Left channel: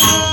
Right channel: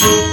Thank you.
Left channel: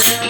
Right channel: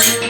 Thank you.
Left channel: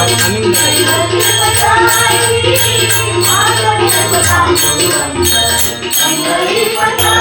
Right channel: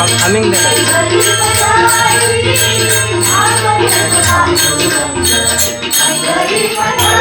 aming nilay. Ang